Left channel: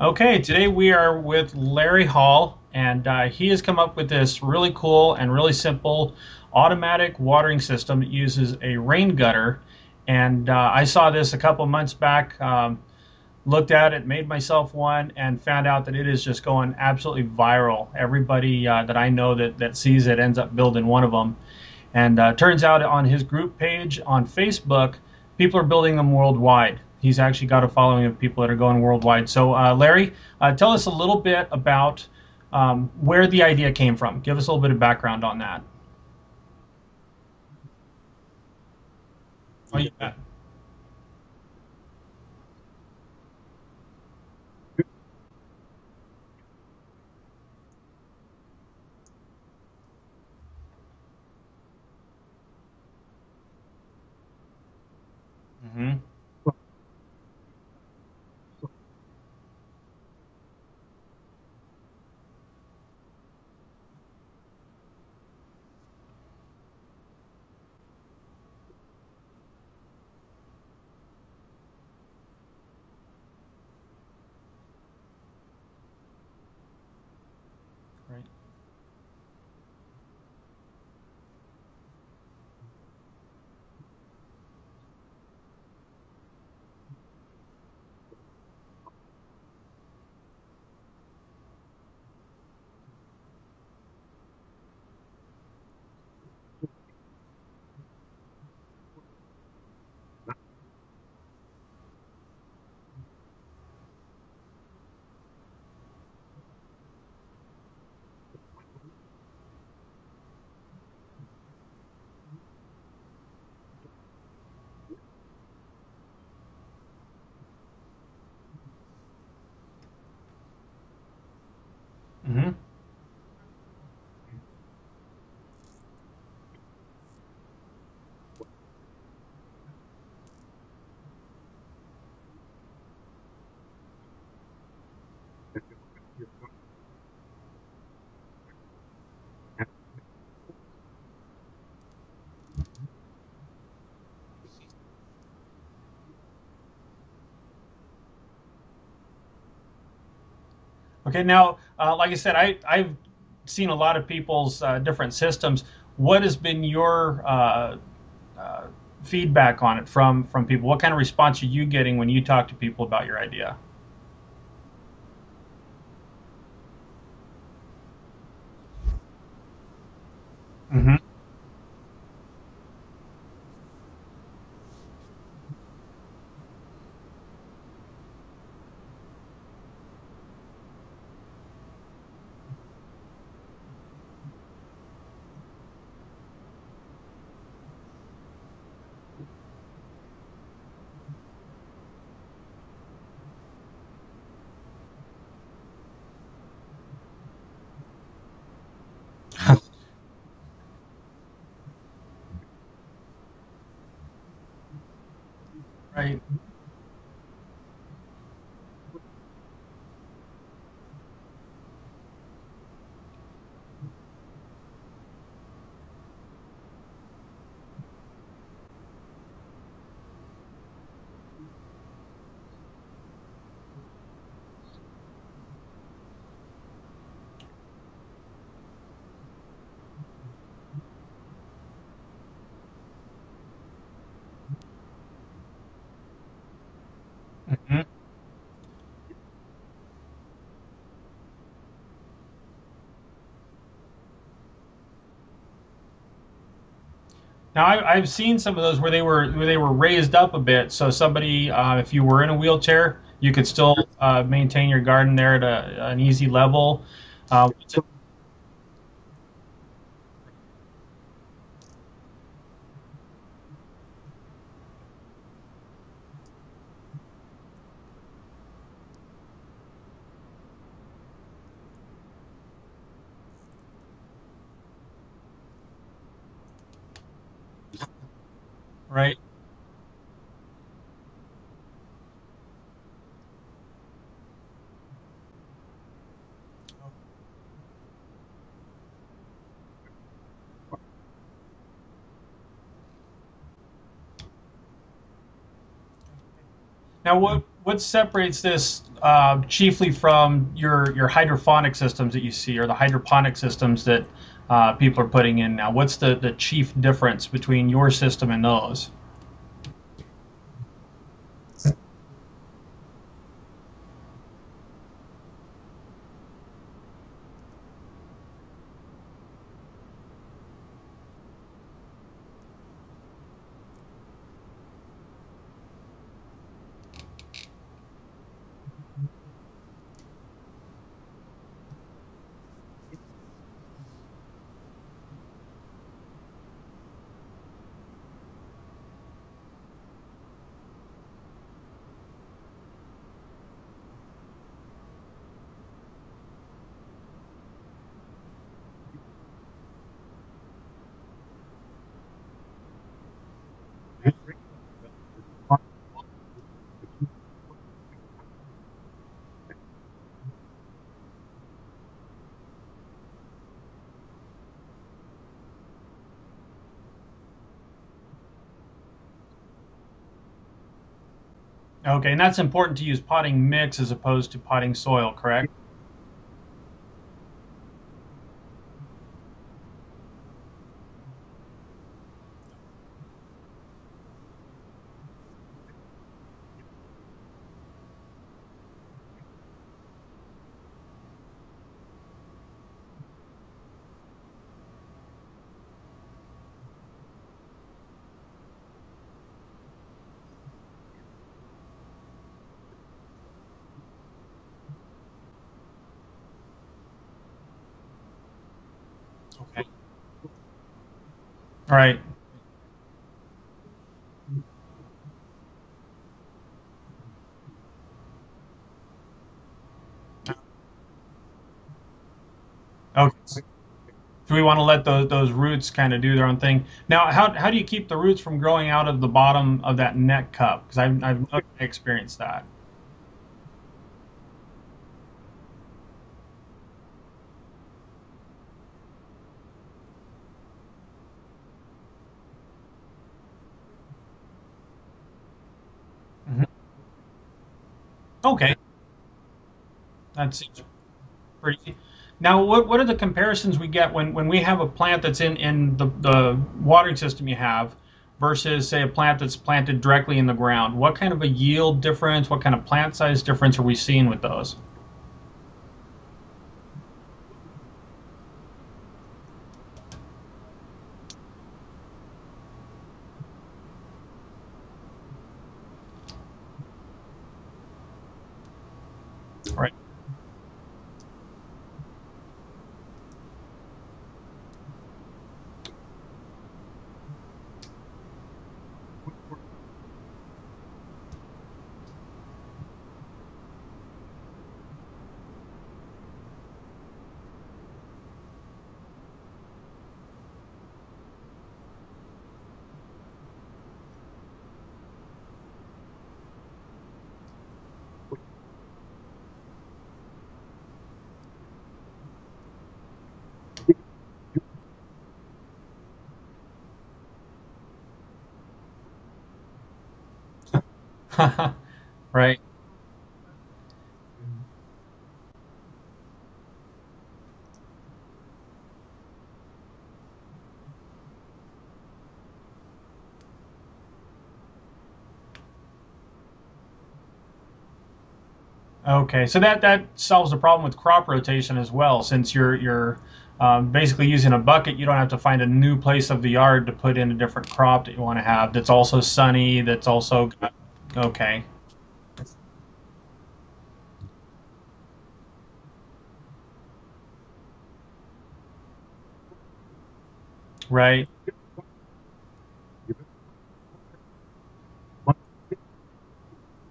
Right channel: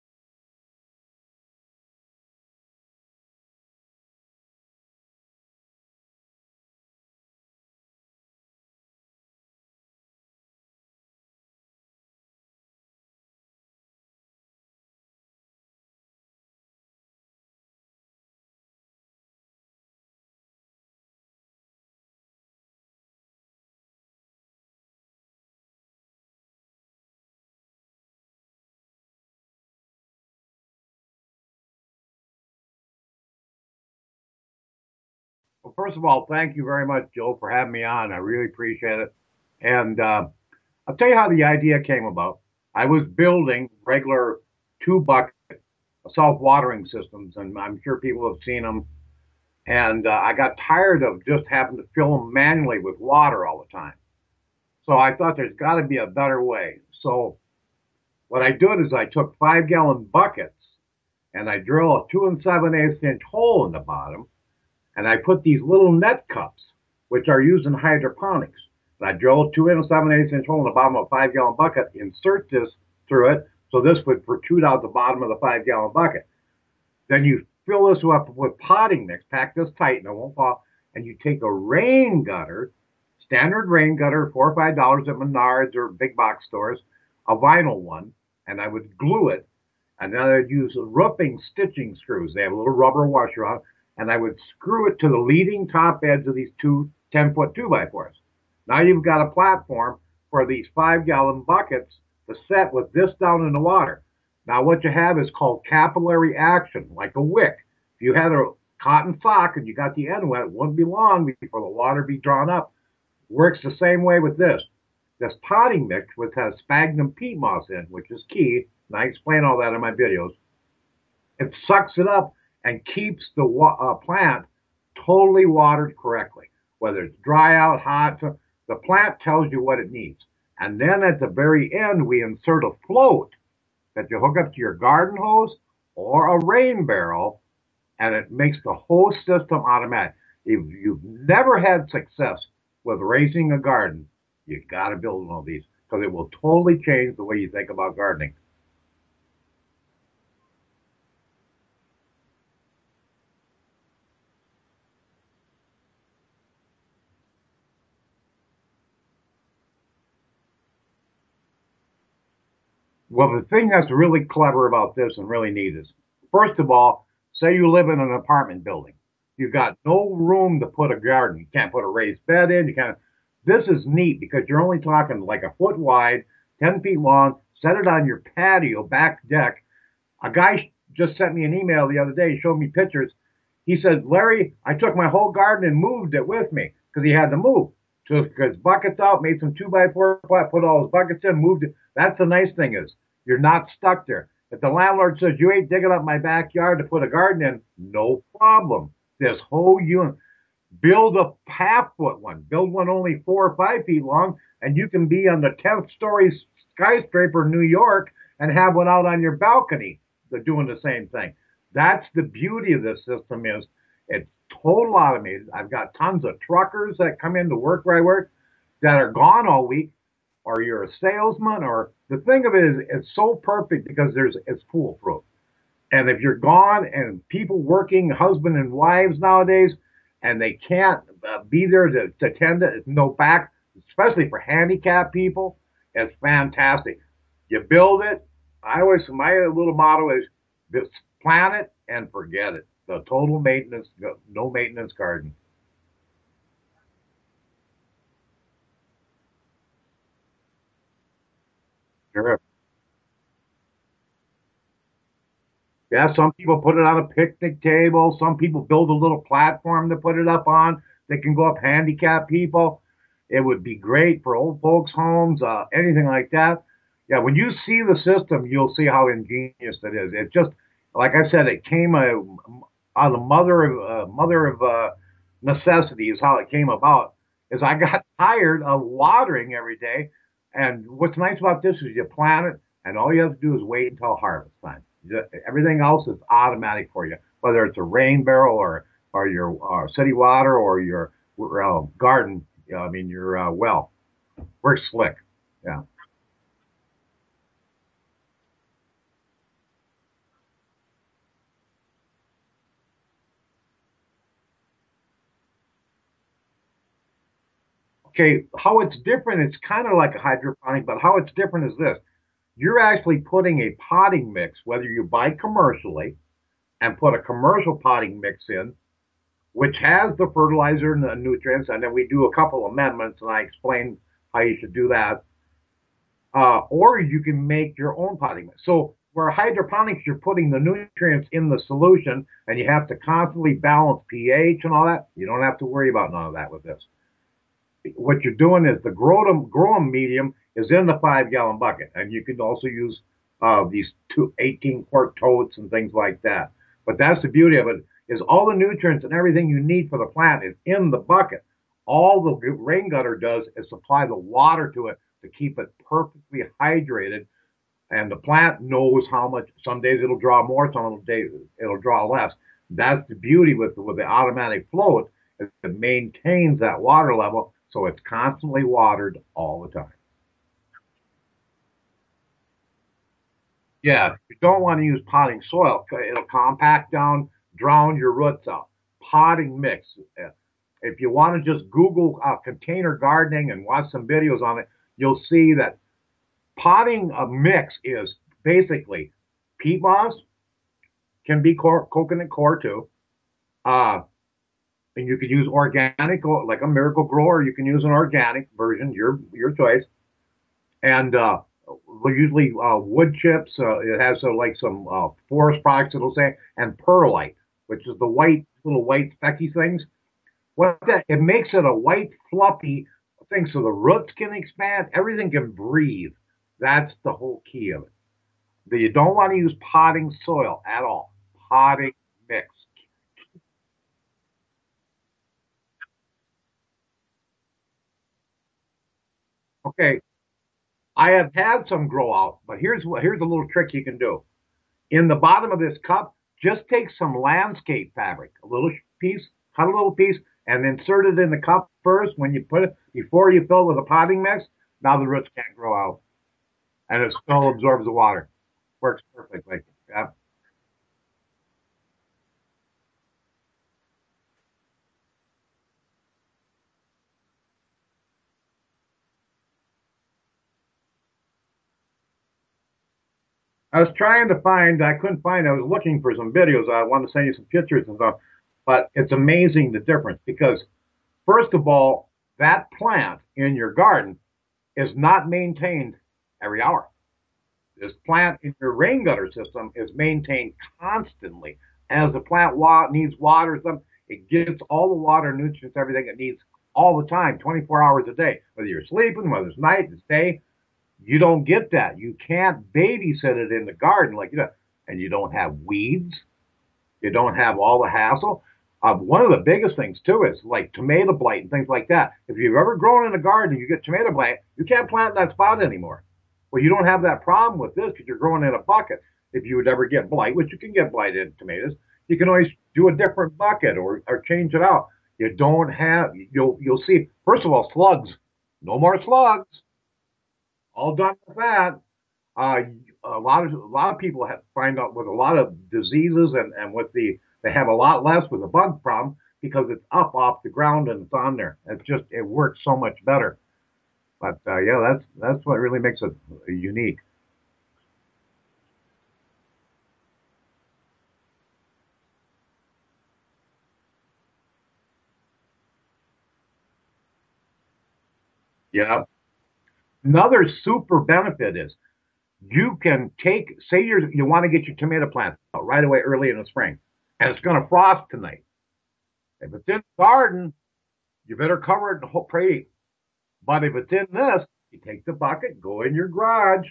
Okay, today we are with Larry Hall, and he has come up with this really cool and really simple automatic watering system that uses a rain gutter. And I saw this a couple months back, looked at it, made myself one, and found out that it is just going absolutely viral. Everybody that I know that sees it ends up building one of them. And turns out on his group page on Facebook, people are building them worldwide. He's actually got a following of people that are going worldwide. So, Larry, tell us a little bit about where the idea came from. Give us a little bit of background on that. Well, first of all, thank you very much, Joe, for having me on. I really appreciate it. And Yeah. I'll tell you how the idea came about. I was building regular two bucket self-watering systems, and I'm sure people have seen them. And I got tired of just having to fill them manually with water all the time. So I thought there's got to be Hmm. a better way. So what I did is I took 5 gallon buckets and I drill a 2 7/8 inch hole in the bottom, and I put these little net cups, which are used in hydroponics. And I drilled 2 7/8 inch hole in the bottom of a 5 gallon bucket, insert this through it, so this would protrude out the bottom of the 5 gallon bucket. Then you fill this up with potting mix, pack this tight and it won't fall, and you take a rain gutter, standard rain gutter, $4 or $5 at Menards or big box stores, a vinyl one, and I would glue it, and then I'd use roofing stitching screws. They have a little rubber washer on, and I would screw it to the leading top edge of these two 10-foot 2x4s. Now you've got a platform for these 5 gallon buckets to set with this down in the water. Now what you have is called capillary action, like a wick. If you had a cotton sock and you got the end wet, it wouldn't be long before the water be drawn up. Works the same way with this. This potting mix, which has sphagnum peat moss in, which is key, and I explain all that in my videos, it sucks it up Hmm. and keeps the plant totally watered correctly. Whether it's dry out, hot, the plant tells you what it needs. And then at the very end, we insert a float that you hook up to your garden hose or a rain barrel, and it makes the whole system automatic. If you've never had success with raising a garden, you got to build one of these because it will totally change the way you think about gardening. Okay, now, like I said, I've seen a lot of people's different systems. What has been your uh, feedback on it from people? What kind of response are you getting when you talk to people about your Well, the idea? thing that's really clever about this and really neat is, first of all, say you live in an apartment building. You've got no room to put a Hmm. garden. You can't put a raised bed in. You can't. This is neat because you're only talking like a foot wide, 10 feet long. Set it on your patio back deck. A guy just sent me an email the other day, showed me pictures. He said, Larry, I took my whole garden and moved it with me because he had to move. Took his buckets out, made some 2x4 flat, put all his buckets in, moved it. That's the nice thing is you're not stuck there. If the landlord says you ain't digging up my backyard to put a garden in, no problem. This whole unit, build a half-foot one, build one only 4 or 5 feet long, and you can be on the 10th Right. story skyscraper in New York and have one out on your balcony. They're doing the same thing. That's the beauty of this system is it's total automated. I've got tons of truckers that come in to work where I work that are gone all week, or you're a salesman, or the thing of it is it's so perfect because it's foolproof. And if you're gone and people working, husband and wives nowadays, and they can't be there to attend it, no back, especially for handicapped people, it's fantastic. You Mhm. build it. My little motto is just plan it and forget it. The total maintenance, no maintenance garden. Now I've seen some of those where they were raised up a bit, so somebody, if you were in a Correct. wheelchair, you could still maintain your garden there at an Yeah, easy some people put level. it on a picnic So, table. Some people build a little platform to put it up on. They can go up handicapped people. It would be great for old folks' homes, anything like that. Yeah, when you see the system, you'll see how ingenious it is. It just, like I said, it came out of mother of necessity is how it came about. Is I got tired of right. watering every day, and what's nice about this is you plant it, and all you have to do is wait until harvest time. Everything else is automatic for you, whether it's a rain barrel or your city water or your garden. I mean your well. Works slick. Yeah. Now, what what separates this chiefly from your hydroponic systems that you see, or the hydroponic systems that people are putting in now? What's the chief difference between your system Okay, and how those? it's different, it's kind of like a hydroponic, but how it's different is this. You're actually putting a potting mix, whether you buy commercially and put a commercial potting mix in, which has the fertilizer and the nutrients, and then we do a couple amendments, and I explain how you should do that. Or you can make your own potting mix. So for hydroponics, you're putting the nutrients in the solution, and you have to constantly balance pH and all that. You don't have to worry about none of that with this. What you're doing is the grow medium is in the 5 gallon bucket, and you can also use these 18 quart totes and things like that. But that's the beauty of it, is all the nutrients and everything you need for the plant is in the bucket. All the rain gutter does is supply the water to it to keep it perfectly hydrated, and the plant knows how much. Some days it'll draw more, some days it'll draw less. That's the beauty with the automatic float, is it maintains that water level, so it's constantly watered all the time. Okay, and that's important to use potting mix as Yeah, opposed you to don't potting want to use soil, potting correct? soil. It'll compact down, drown your roots out. Potting mix. If you want to just Google container gardening and watch some videos on it, you'll see that potting a mix is basically peat moss, can be coconut coir too. Uh, and you could use organic, like a Miracle Grower. You can use an organic version, your choice. And usually wood chips. It has like some forest products, it'll say, and perlite, which is the little white specky things. What that it makes it a Right. white fluffy thing, so the roots can expand, everything can breathe. That's the whole key of it. But you don't want to use potting soil at all. Potting mix. Okay. So we want to let those roots kind of do their own thing. Now, how do you keep the roots from growing out of the bottom of that Okay, net cup? Because I I've have never had some grow experienced out, that. but here's a little trick you can do. In the bottom of this cup, just take some landscape fabric, a little piece, cut a little piece, and insert it in the cup first when you put it, before you fill it with a potting mix. Now the roots can't grow out, Mhm. and it still absorbs the water. Okay, Works perfectly. Yeah. that seems pretty. Now, what are the comparisons we get when we have a plant that's in the watering system you have versus, say, a plant that's planted directly in the ground? What kind of a yield difference, what kind of plant size difference are we I was seeing with trying to those? find, I couldn't find, I was looking for some videos. I wanted to send you some pictures and stuff, but it's amazing the difference because, first of all, that plant in your garden is not maintained every hour. This plant in your rain gutter system Right. is maintained constantly. As the plant needs water, it gets all the water, nutrients, everything it needs all the time, 24 hours a day. Whether you're sleeping, whether it's night, it's day, you don't get that. You can't babysit it in the garden like that. And you don't have weeds. You don't have all the hassle. One of the biggest things too is like tomato blight and things like that. If you've ever grown in a garden and you get tomato blight, you can't plant in that spot anymore. Well, you don't have that problem with this because you're growing in a bucket. If you would ever get blight, which you can get blight in tomatoes, you can always do a different bucket or change it out. You don't have, you'll see. First of all, slugs, no more slugs. All done with that. Right. uh, a lot of people have find out with a lot of diseases and with they have a lot less with the bug problem because it's up off the ground and it's on there. It works so much better. But yeah, that's what really makes it unique. Okay, so that solves the problem with crop rotation as well. Since you're basically using a bucket, you don't have to find a new place of the yard to put in a different crop that you want to have. That's also Yeah. sunny. That's also Another super okay. benefit is you can say you want to get your tomato plant out right away early in the spring, and it's going to frost tonight. If it's in the garden, Right. you better cover it and pray. But if it's in this, you take the bucket, go in your garage,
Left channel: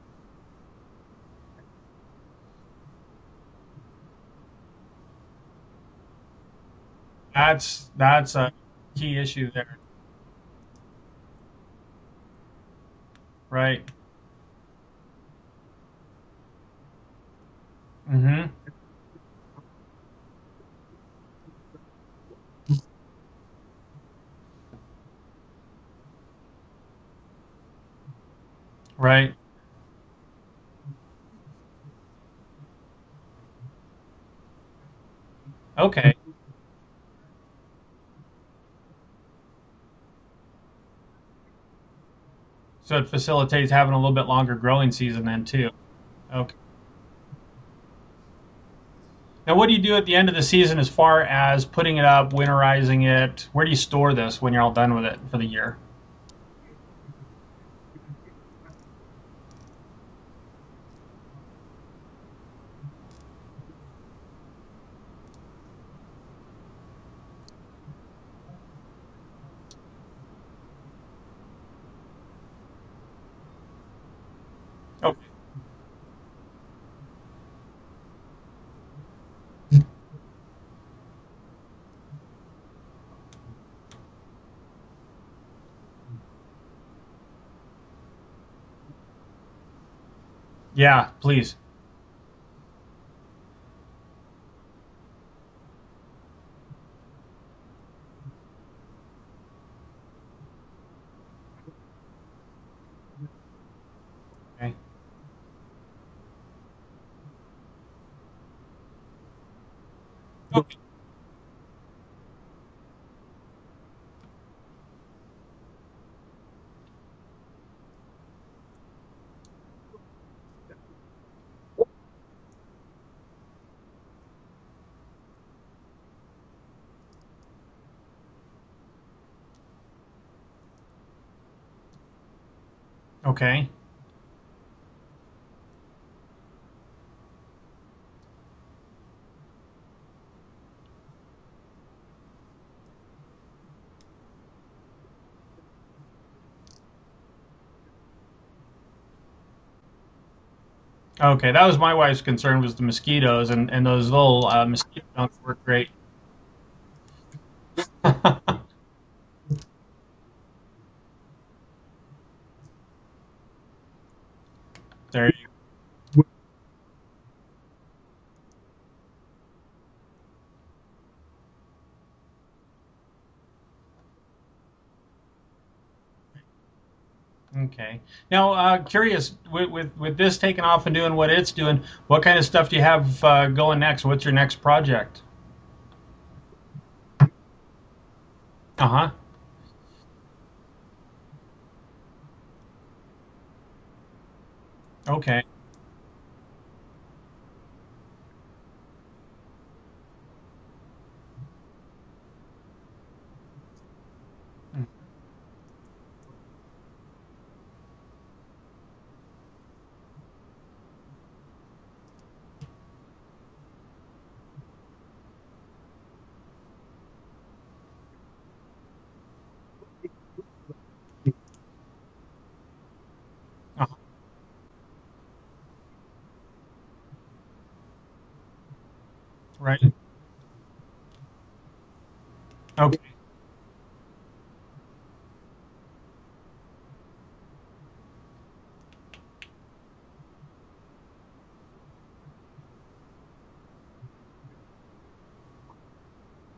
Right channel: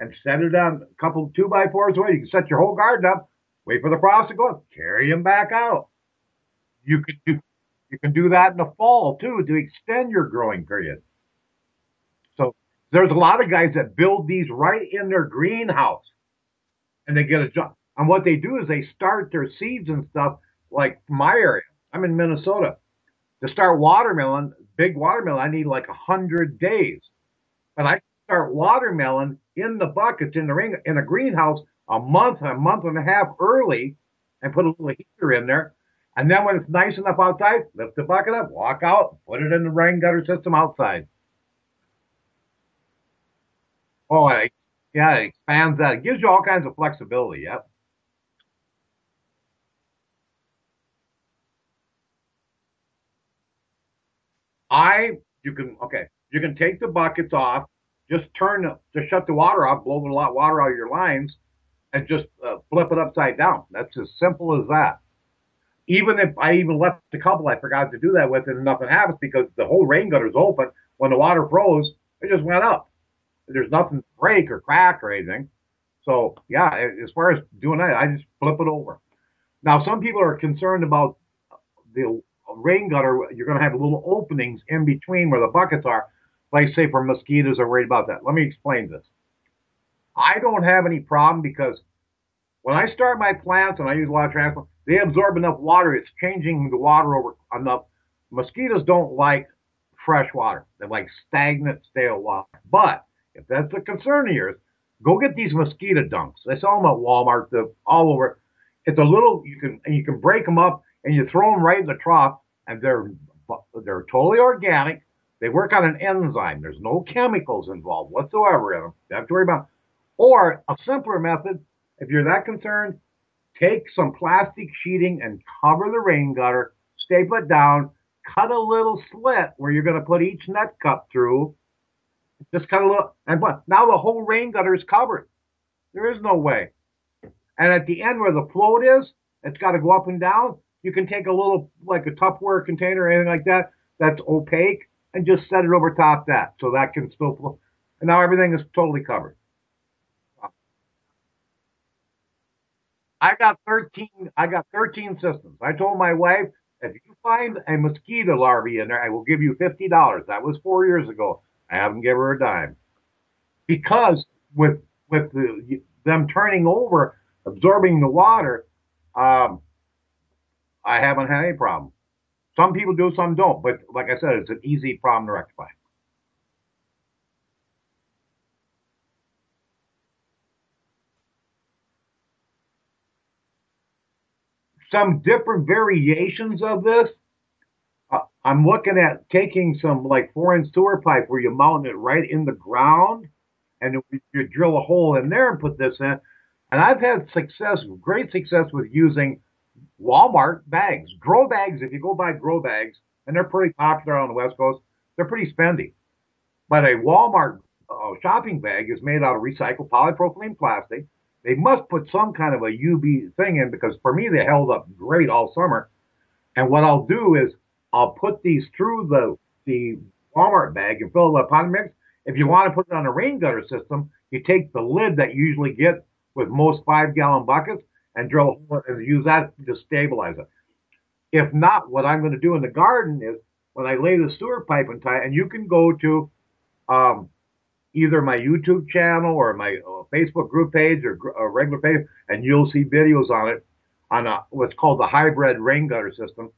and set it on a couple 2x4s away. You can set your whole garden up, wait for the frost to go up, carry them back out. You can do you can do That's that a in the fall key too issue to there. extend your growing period. So there's a lot of guys Right. that build these right in their greenhouse, and they get a job. And what they Mm-hmm. do is they start their seeds and stuff. Like my area, I'm in Minnesota. To start watermelon, big watermelon, I need like 100 days. And I start watermelon Right. in the buckets in the ring in a greenhouse a month and a half early, and put a little heater in there. Okay. And then when it's nice enough outside, lift the bucket up, walk out, put it in the rain gutter system outside. So it facilitates having a little bit Well, longer growing yeah, season it then too. expands that. It gives you all Okay. kinds of flexibility. Yep. Now, what do you do at the end of the season as far as putting it up, winterizing it? Where do you store this when you're all done with it for the You can year? okay. You can take the buckets off, just shut the water off, blow the water out of your lines, and just flip it upside down. That's as simple as that. Even if I even left a couple I forgot to do that with, and nothing happens because the whole rain gutter's open. When the water froze, it just went up. There's nothing to break or crack or Oh, anything. So yeah, as far as doing that, I just flip it over. Now some people are concerned about the rain gutter. You're going to have little openings in between where the buckets are. Like say for mosquitoes are worried about that. Let me explain this. I don't have any yeah, problem please. because when I start my plants and I use a lot of transplant, they absorb enough water. It's changing the water over enough. Mosquitoes don't like fresh water. They like stagnant, stale water. But if that's a concern of yours, Okay. go get these mosquito dunks. They sell them at Walmart, all over. It's a little you can break them Okay. up and you throw them right in the trough, and they're totally organic. They work on an enzyme. There's no chemicals involved whatsoever in them. You don't have to worry about. Or a simpler method, if you're that concerned, take some plastic sheeting and cover the rain gutter, staple it down, cut a little slit where you're going to put each net cup through. Just cut a little, and Okay. now the whole rain gutter is covered. There is no way. And at the end where the float is, it's got to go up and down. You can take a little, like a Tupperware container or anything like that, that's opaque, and just set it over top that so that can still flow. And now everything is totally covered. Okay. That was my wife's concern was the mosquitoes and those little I got mosquito 13 dunks systems. work I great. told my wife, if you find a mosquito larvae in there, I will give you $50. That was 4 years ago. I haven't given her a dime because with There. them turning over, absorbing the water, um, I haven't had any problem. Some people do, some don't. But like I said, it's an easy problem to rectify. Okay. Now, curious with this taking off and doing what it's doing, what kind of stuff do you have going next? What's your next Some project? different variations of this. I'm Uh looking huh. at taking some like 4-inch sewer pipe where you mount it right in the ground, and you drill a hole in Okay. there and put this in. And I've had great success with using Walmart bags, grow bags. If you go buy grow bags, and they're pretty popular on the West Coast, they're pretty spendy. But a Walmart shopping bag is made out of recycled polypropylene plastic. They must put some kind of a UV thing in because for me they held up great all summer. And what I'll do is I'll put these through the Walmart bag and fill it with pot mix. If you want to put it on a rain gutter Uh, system, you take the lid that you usually get with most 5-gallon buckets and drill and use that to right. stabilize it. If not, what I'm going to do in the Okay. garden is when I lay the sewer pipe and tie, and you can go to um, either my YouTube channel or my Facebook group page or regular page, and you'll see videos on it on what's called the hybrid rain gutter system.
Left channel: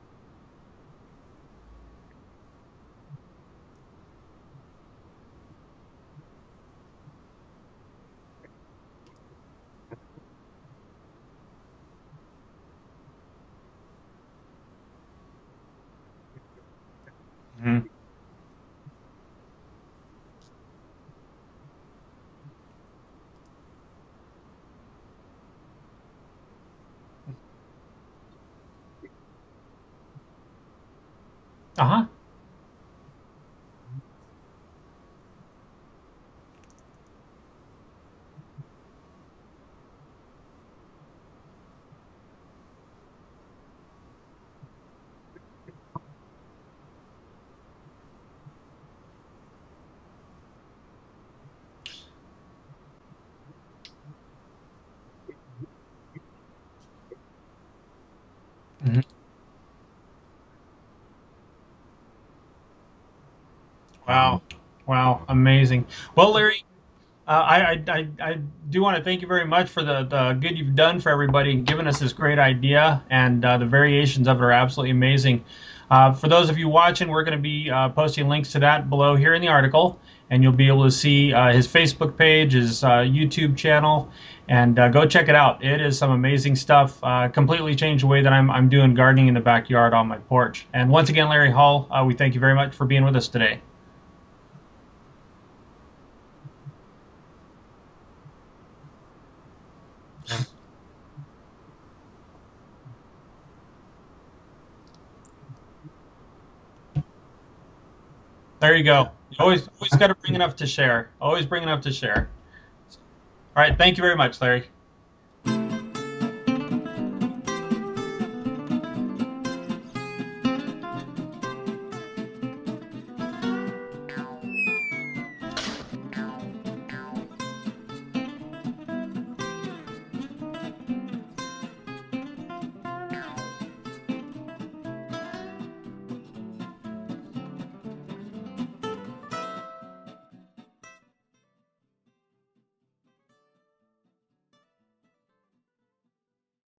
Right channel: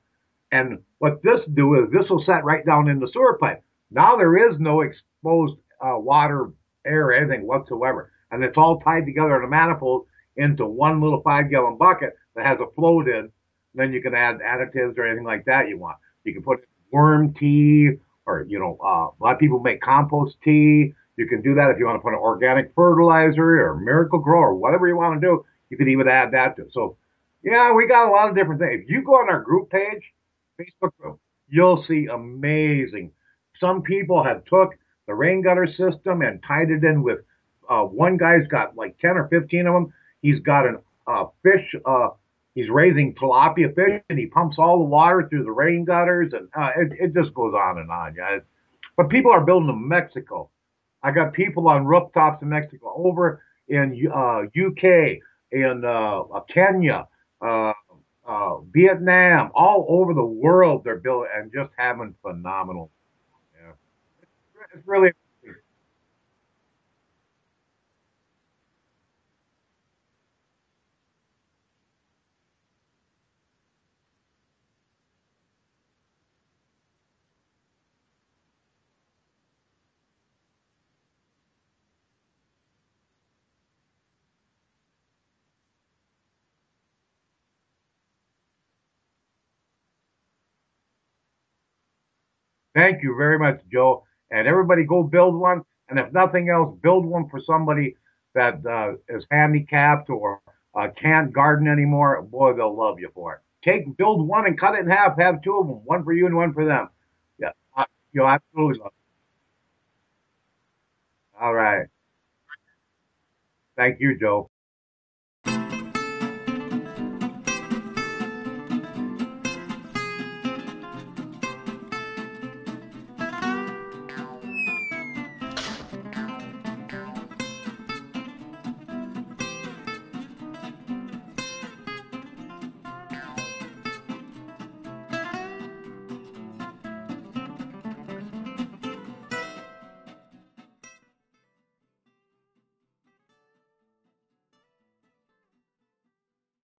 And what this do is this will set right down in the sewer pipe. Now there is no exposed water, air, anything whatsoever, and it's all tied together in a manifold into one little 5-gallon bucket that has a float in. Then you can add additives or anything like that you want. You can put worm Mm, tea, or a lot of people make compost tea. You can do that if you want to put an organic fertilizer or Miracle Grow or whatever you want to do. You could even add that to it. So, yeah, we got a lot of different things. If you go on our group page, Facebook group, you'll uh-huh. see amazing. Some people have took the rain gutter system and tied it in with. One guy's got like 10 or 15 of them. He's got an fish. He's raising tilapia fish, and he pumps all the water through the rain gutters, and it just goes on, guys. But people are building in Mexico. I got people on rooftops in Mexico, over in UK, in Kenya, uh, Mhm. Vietnam, all over the world. They're building and just having phenomenal. Yeah, Wow. it's really Wow. Amazing. Well, Larry, I do want to thank you very much for the good you've done for everybody and giving us this great idea, and the variations of it are absolutely amazing. For those of you watching, we're going to be posting links to that below here in the article, and you'll be able to see his Facebook page, his YouTube channel, and go check it out. It is some amazing stuff. Completely changed the way that I'm doing gardening in the backyard on my porch. And once again, Larry Hall, we thank you very much for being with us today. Thank you very much, Joe. And everybody go build one. And if nothing else, build one for somebody that is handicapped or can't garden anymore. Boy, they'll love you for it. Build one and cut it in half. Have two of them, one for you and one for them. Yeah, there you go. Always got to bring enough to share. Always bring enough to share. All right, thank you very much, Larry.